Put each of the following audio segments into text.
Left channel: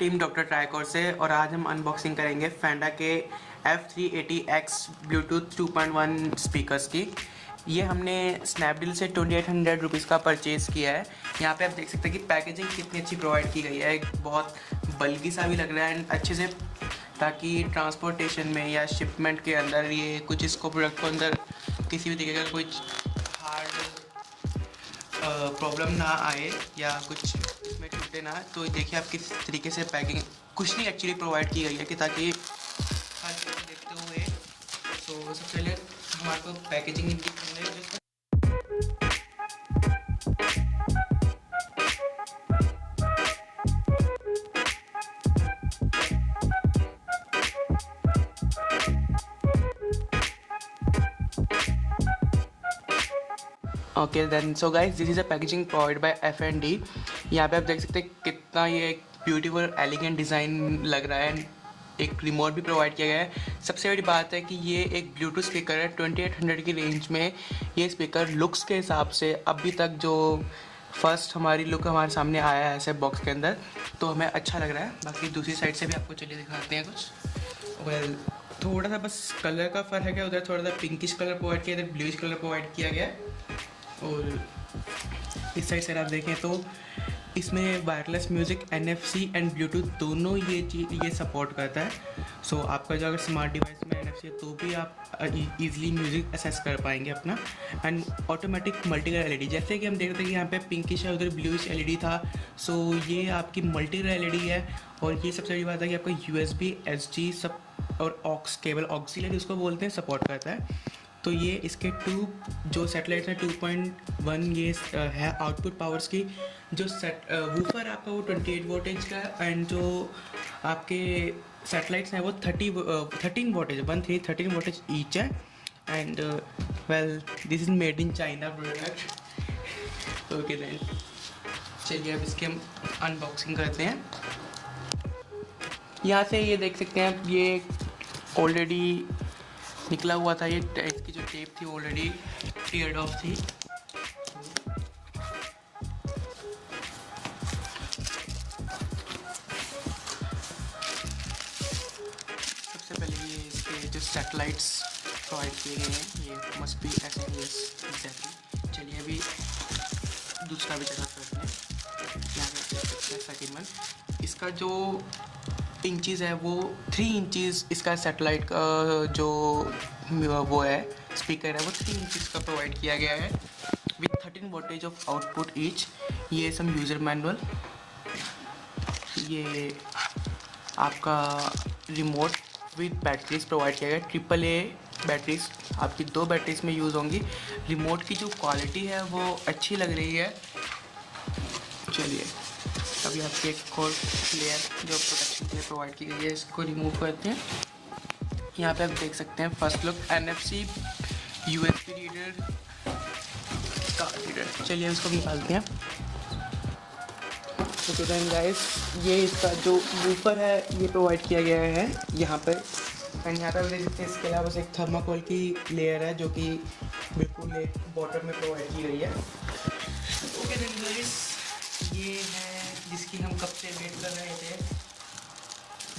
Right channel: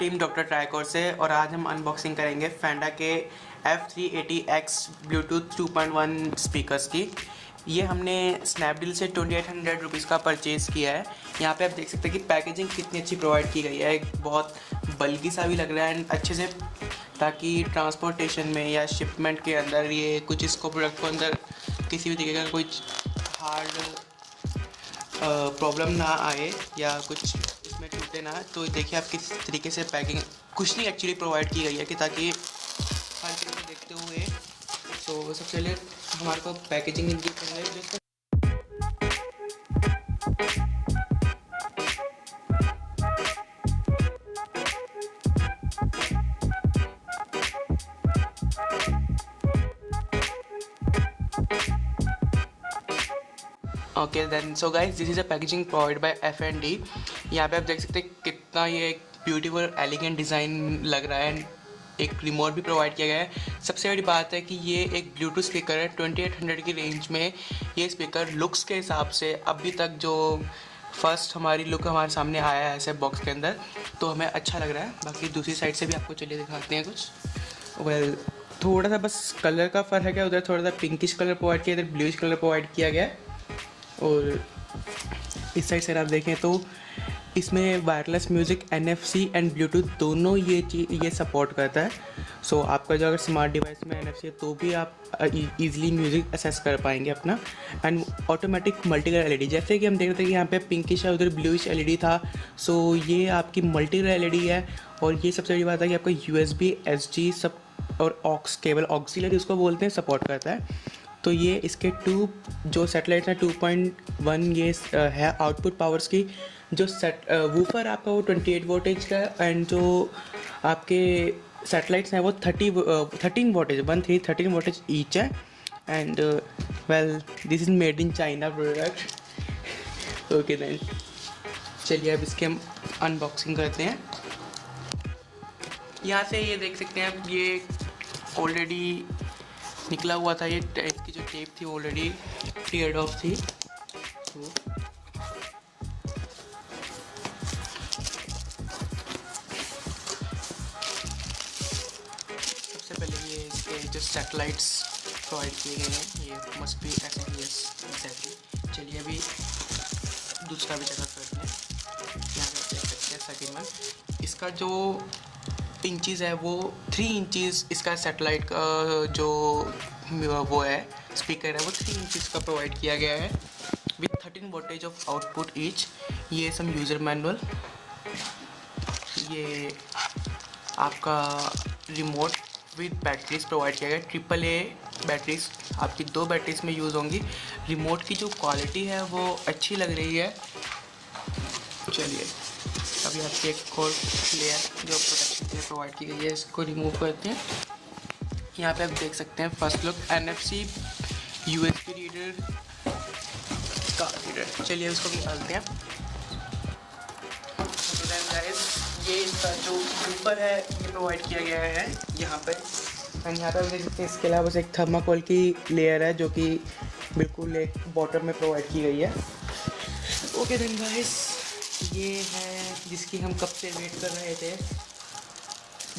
Team doctor ट्राइकोर से और आज हम अनबॉक्सिंग करेंगे फेंडा के F380X ब्लूटूथ 2.1 स्पीकर्स की। ये हमने स्नैपडील से 2800 रुपीज़ का परचेज़ किया है। यहाँ पे आप देख सकते हैं कि पैकेजिंग कितनी अच्छी प्रोवाइड की गई है, बहुत बल्कि सा भी लग रहा है अच्छे से, ताकि ट्रांसपोर्टेशन में या शिपमेंट के अंदर ये कुछ इसको प्रोडक्ट को अंदर किसी भी तरीके का कुछ हार्ड प्रॉब्लम ना आए या कुछ इसमें टूटे ना। तो देखिए आप किस तरीके से पैकिंग कुछ नहीं एक्चुअली प्रोवाइड की गई है कि ताकि हर चीज़ को देखते हुए सबसे पहले हमारे को पैकेजिंग इनकी जो okay then so guys this is a packaging provide by F&D। यहाँ पे आप देख सकते हैं कितना ये एक ब्यूटीफुल एलिगेंट डिज़ाइन लग रहा है। एक रिमोट भी प्रोवाइड किया गया है। सबसे बड़ी बात है कि ये एक ब्लूटूथ स्पीकर है। 2800 की रेंज में ये स्पीकर लुक्स के हिसाब से अभी तक जो फर्स्ट हमारी लुक हमारे सामने आया है ऐसे बॉक्स के अंदर, तो हमें अच्छा लग रहा है। बाकी दूसरी साइड से भी आपको चलिए दिखाते हैं कुछ। वेल थोड़ा सा बस कलर का फ़र्क है, उधर थोड़ा सा पिंकिश कलर प्रोवाइड किया, इधर ब्लूइश कलर प्रोवाइड किया गया है। और इस साइड से आप देखें तो इसमें wireless music NFC and Bluetooth दोनों ये सपोर्ट करता है। सो आपका जो अगर स्मार्ट डिवाइस में NFC है तो भी आप इजीली म्यूज़िक एक्सेस कर पाएंगे अपना। And automatic multi colour LED, जैसे कि हम देख रहे थे कि यहाँ पे पिंकिश है, उधर ब्लूइश LED था। सो ये आपकी मल्टी कलर LED है। और ये सबसे बड़ी बात है कि आपका USB SD सब और ऑक्स केबल ऑक्सिलरी उसको बोलते हैं सपोर्ट करता है। तो ये इसके जो सेटेलाइट है 2.1 ये है आउटपुट पावर्स की। जो वूफर आपका वो 28 वोल्टेज का, एंड जो आपके सेटेलाइट्स हैं वो 13 वोल्टेज 13 वोल्टेज ईच है। And well this is made in China product. Okay then चलिए अब इसके हम अनबॉक्सिंग करते हैं। यहाँ से ये देख सकते हैं ये ऑलरेडी निकला हुआ था। ये इसकी जो टेप थी ऑलरेडी क्लियर्ड ऑफ थी। सबसे पहले ये इसके जो सैटेलाइट्स प्रोवाइड किए गए हैं ये मस्ट बी FPS एग्जैक्टली। चलिए अभी दूसरा भी चेकअप करते हैं। यहाँ पे देख सकते हैं सेकंड वन, इसका जो इंचज़ है वो 3 इंचज़ इसका सेटेलाइट का जो वो है स्पीकर है वो 3 इंचज़ का प्रोवाइड किया गया है with 13 voltage of output each. ये सम यूज़र मैनुअल, ये आपका रिमोट विद बैटरीज प्रोवाइड किया गया। AAA बैटरीज आपकी 2 बैटरीज में यूज़ होंगी। रिमोट की जो क्वालिटी है वो अच्छी लग रही है। चलिए अभी आपकी एक और लेयर जो प्रोटेक्शन के लिए प्रोवाइड की गई है इसको रिमूव करते हैं। यहाँ पे आप देख सकते हैं first look NFC USB reader card reader. चलिए इसको निकालते हैं। ओके देन गाइस ये इसका जो वूफर है ये प्रोवाइड किया गया है यहाँ पर। एंड यहाँ पर देख सकते हैं इसके अलावा एक थर्माकोल की लेयर है जो कि बिल्कुल एक बॉटम में प्रोवाइड की गई है। ओके देन गाइस ये है जिसकी हम कब से वेट कर रहे थे।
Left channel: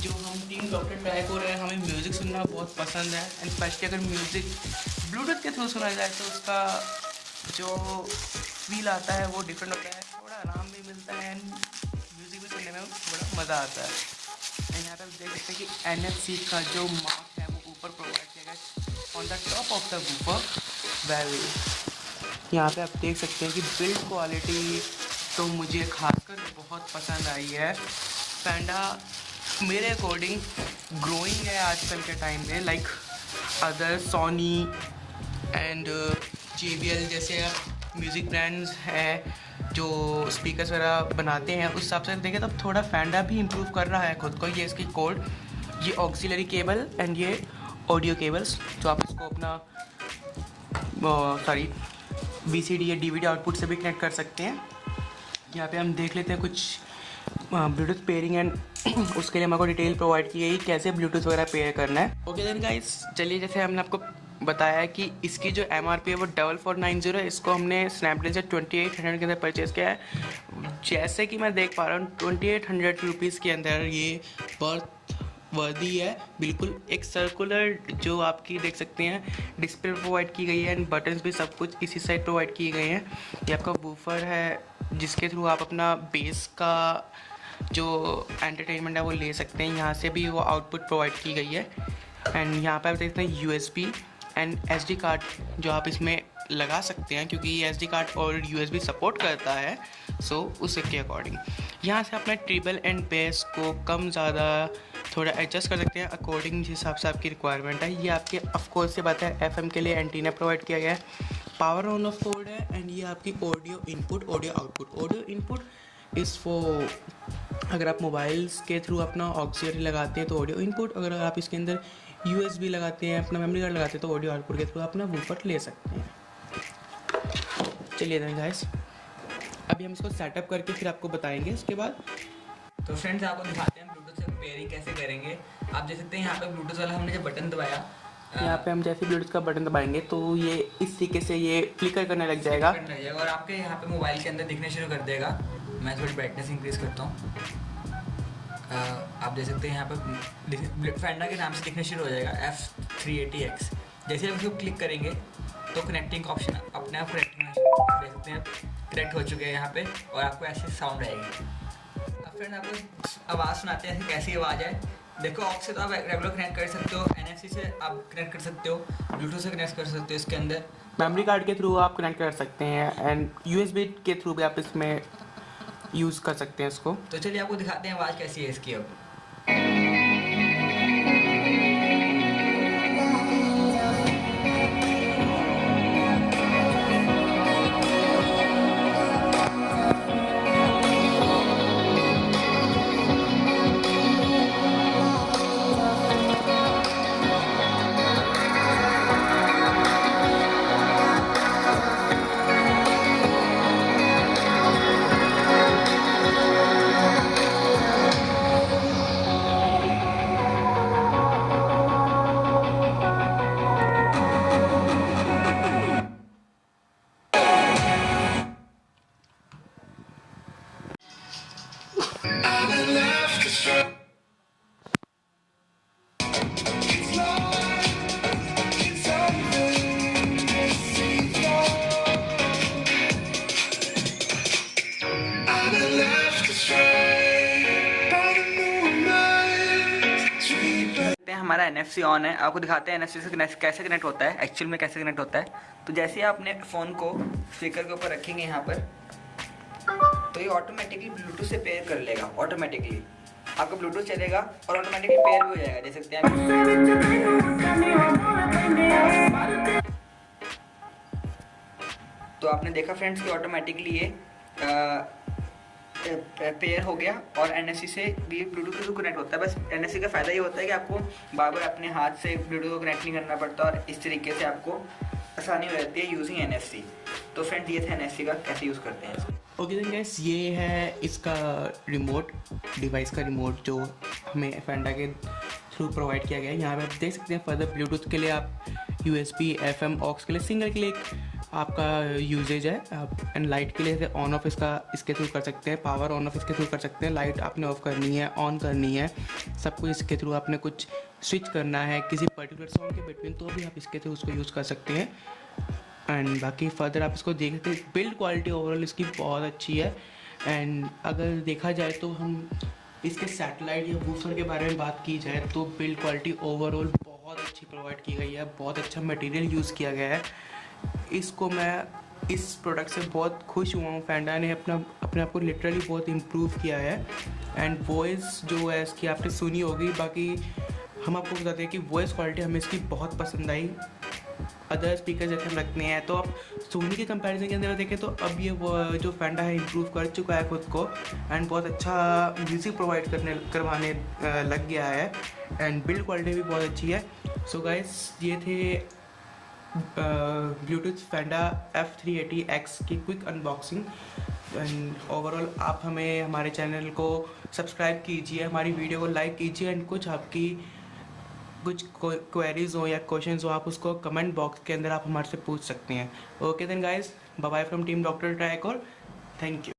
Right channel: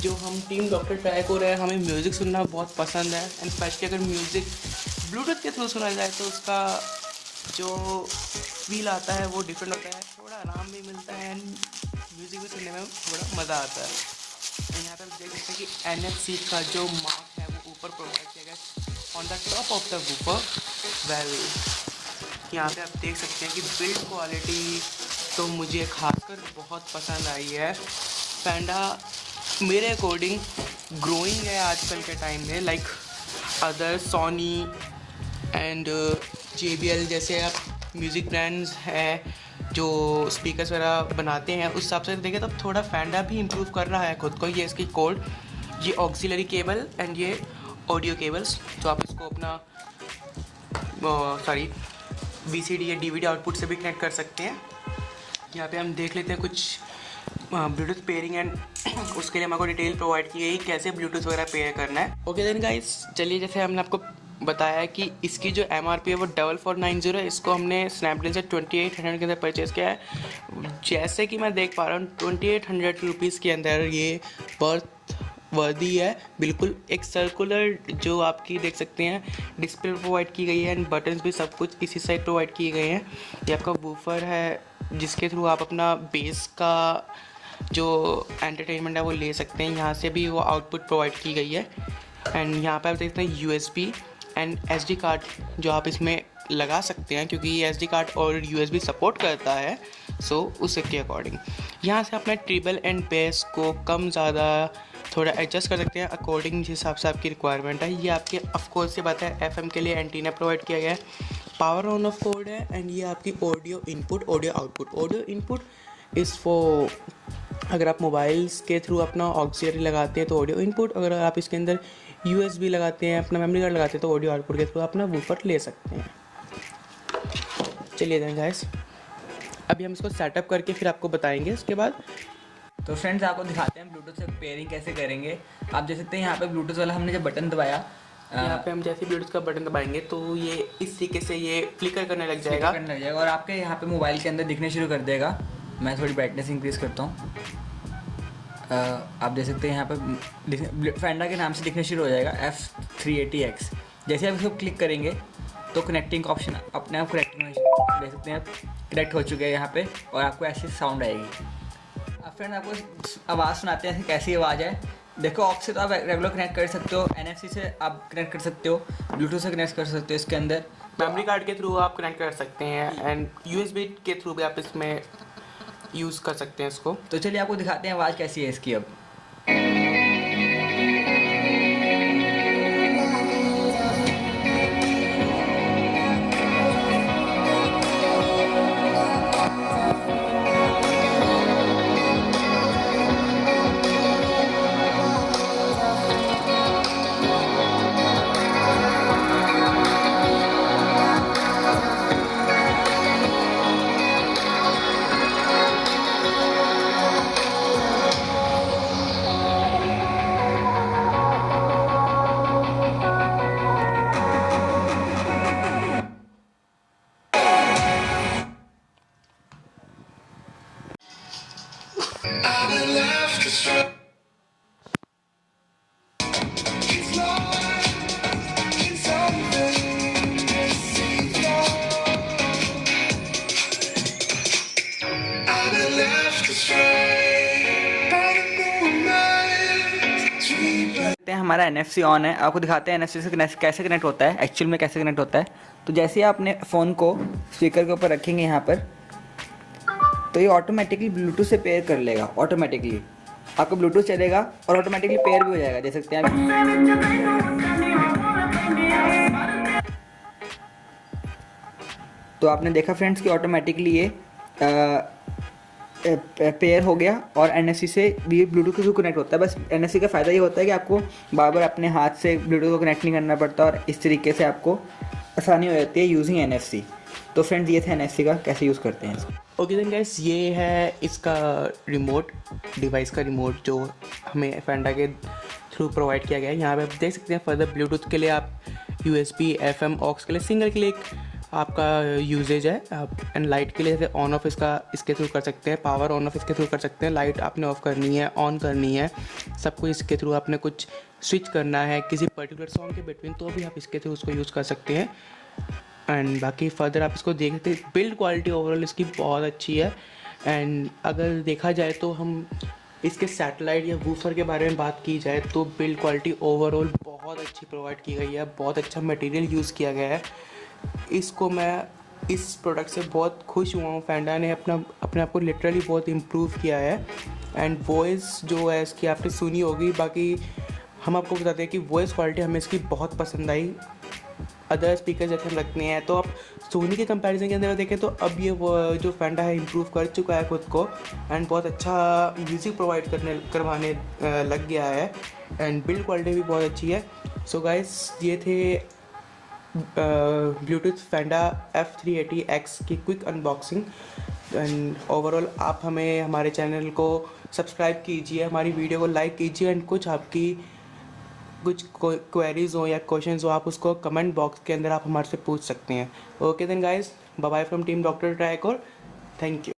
जो हम टीम डॉक्टर ट्राइकोर है, हमें म्यूज़िक सुनना बहुत पसंद है। एंड स्पेशली अगर म्यूज़िक ब्लूटूथ के थ्रू सुना जाए तो उसका जो फील आता है वो डिफरेंट होता है, थोड़ा आराम भी मिलता है एंड म्यूज़िक भी सुनने में थोड़ा मज़ा आता है। एंड यहाँ पर देख सकते हैं कि NFC का जो मार्क है वो ऊपर प्रोवाइड किया गया on the top of the woofer. Well यहाँ पे आप देख सकते हैं कि बिल्ड क्वालिटी तो मुझे खासकर बहुत पसंद आई है। फेंडा मेरे अकॉर्डिंग ग्रोइंग है आजकल के टाइम में, like other Sony and JBL जैसे म्यूज़िक ब्रांड्स हैं जो स्पीकर्स वगैरह बनाते हैं। उस हिसाब से देखें तो थोड़ा फेंडा भी इम्प्रूव कर रहा है खुद को। ये इसकी कोड, ये ऑक्सिलरी केबल एंड ये ऑडियो केबल्स जो आप इसको अपना VCD या DVD आउटपुट से भी कनेक्ट कर सकते हैं। यहाँ पे हम देख लेते हैं कुछ ब्लूटूथ पेयरिंग एंड उसके लिए हमारे को डिटेल प्रोवाइड की गई कैसे ब्लूटूथ वगैरह पेयर करना है। ओके देन गाइस चलिए जैसे हमने आपको बताया है कि इसकी जो MRP है वो 4490 है। इसको हमने स्नैपडील से 2800 के अंदर परचेज़ किया है। जैसे कि मैं देख पा रहा हूँ 2800 रुपीज़ के अंदर ये बर्थ वर्दी है। बिल्कुल एक सर्कुलर जो आपकी देख सकते हैं डिस्प्ले प्रोवाइड की गई है एंड बटन्स भी सब कुछ इसी साइड प्रोवाइड किए गए हैं। ये आपका वूफर है जिसके थ्रू आप अपना बेस का जो एंटरटेनमेंट है वो ले सकते हैं। यहाँ से भी वो आउटपुट प्रोवाइड की गई है एंड यहाँ पर आप देखते हैं USB एंड SD कार्ड जो आप इसमें लगा सकते हैं क्योंकि ये SD कार्ड और USB सपोर्ट करता है। सो उसके अकॉर्डिंग यहाँ से अपने ट्रिबल एंड बेस को कम ज़्यादा थोड़ा एडजस्ट कर सकते हैं अकॉर्डिंग जिस हिसाब से आपकी रिक्वायरमेंट है। ये आपके ऑफकोर्स से बात है FM के लिए एंटीना प्रोवाइड किया गया है, पावर ऑन ऑफ कोड है एंड ये आपकी audio input audio output. Audio input is for अगर आप मोबाइल्स के थ्रू अपना ऑक्सिलरी लगाते हैं तो ऑडियो इनपुट, अगर आप इसके अंदर USB लगाते हैं अपना मेमोरी कार्ड लगाते हैं तो ऑडियो आउटपुट के थ्रू अपना वूफर ले सकते हैं। चलिए गाइस अभी हम इसको सेटअप करके फिर आपको बताएंगे इसके बाद। तो फ्रेंड्स आपको दिखाते हैं ब्लूटूथ से पेयरिंग कैसे करेंगे। आप देख सकते हैं यहाँ पे ब्लूटूथ वाला हमने जब बटन दबाया, यहाँ पे हम जैसे ब्लूटूथ का बटन दबाएंगे तो ये इस तरीके से ये फ्लिकर करने लग जाएगा और आपके यहाँ पे मोबाइल के अंदर दिखने शुरू कर देगा। मैं थोड़ी ब्राइटनेस इंक्रीज करता हूँ। आप देख सकते हैं यहाँ पे फैंडा के नाम से दिखना शुरू हो जाएगा F380X। जैसे आप इसको क्लिक करेंगे तो कनेक्टिंग का ऑप्शन अपने आप कनेक्टिंग देख सकते हैं कनेक्ट हो चुके हैं यहाँ पे और आपको ऐसी साउंड आएगी। अब फ्रेंड आपको आवाज़ सुनाते हैं कैसी आवाज़ है। देखो ऑक्स से तो आप रेगुलर कनेक्ट कर सकते हो, NFC से आप कनेक्ट कर सकते हो, ब्लूटूथ से कनेक्ट कर सकते हो, इसके अंदर मेमोरी कार्ड के थ्रू आप कनेक्ट कर सकते हैं एंड USB के थ्रू भी आप इसमें यूज़ कर सकते हैं इसको। तो चलिए आपको दिखाते हैं आवाज़ कैसी है इसकी। अब हमारा NFC ऑन है। आपको दिखाते हैं NFC से कैसे कनेक्ट होता है, एक्चुअल में कैसे कनेक्ट होता है। तो जैसे ही आपने फ़ोन को स्पीकर के ऊपर रखेंगे यहाँ पर तो ये ऑटोमेटिकली ब्लूटूथ से पेयर कर लेगा। ऑटोमेटिकली आपका ब्लूटूथ चलेगा और ऑटोमेटिकली पेयर भी हो जाएगा। देख सकते हैं आप। तो आपने देखा फ्रेंड्स कि ऑटोमेटिकली ये पेयर हो गया और NFC से भी ब्लूटूथ के थ्रू कनेक्ट होता है। बस NFC का फ़ायदा ये होता है कि आपको बार बार अपने हाथ से ब्लूटूथ को कनेक्ट नहीं करना पड़ता और इस तरीके से आपको आसानी हो जाती है यूजिंग NFC। तो फ्रेंड्स ये था NFC का कैसे यूज़ करते हैं। ओके देन गाइस ये है इसका रिमोट डिवाइस का रिमोट जो हमें फैंडा के थ्रू प्रोवाइड किया गया है। यहाँ पे आप देख सकते हैं फर्दर ब्लूटूथ के लिए आप USB FM ऑक्स के लिए सिंगल क्लिक आपका यूजेज है। आप एंड लाइट के लिए ऑन ऑफ इसके थ्रू कर सकते हैं, पावर ऑन ऑफ इसके थ्रू कर सकते हैं। लाइट आपने ऑफ करनी है ऑन करनी है सब कुछ इसके थ्रू आपने कुछ स्विच करना है किसी पर्टिकुलर सॉन्ग के बिटवीन तो भी आप इसके थ्रू उसको यूज़ कर सकते हैं। एंड बाकी फर्दर आप इसको देख सकते हैं बिल्ड क्वालिटी ओवरऑल इसकी बहुत अच्छी है। एंड अगर देखा जाए तो हम इसके सैटेलाइट या वूफर के बारे में बात की जाए तो बिल्ड क्वालिटी ओवरऑल बहुत अच्छी प्रोवाइड की गई है, बहुत अच्छा मटेरियल यूज़ किया गया है। इसको मैं इस प्रोडक्ट से बहुत खुश हुआ हूँ। फैंडा ने अपने आप को लिटरली बहुत इम्प्रूव किया है। एंड वॉइस जो है इसकी आपने सुनी होगी, बाकी हम आपको बताते हैं कि वॉइस क्वालिटी हमें इसकी बहुत पसंद आई। अदर स्पीकर जैसे हम रखते हैं तो आप सोनी के कंपैरिजन के अंदर देखें तो अब ये वो जो फैंडा है इम्प्रूव कर चुका है खुद को एंड बहुत अच्छा म्यूज़िक प्रोवाइड करवाने लग गया है एंड बिल्ड क्वालिटी भी बहुत अच्छी है। सो गाइस ये थे ब्लूटूथ फैंडा F380X की क्विक अनबॉक्सिंग। एंड ओवरऑल आप हमें हमारे चैनल को सब्सक्राइब कीजिए, हमारी वीडियो को लाइक कीजिए एंड कुछ आपकी कुछ क्वेरीज हो या क्वेश्चंस हो, आप उसको कमेंट बॉक्स के अंदर आप हमारे से पूछ सकते हैं। Okay then guys, bye bye from team doctor Tricore. Thank you.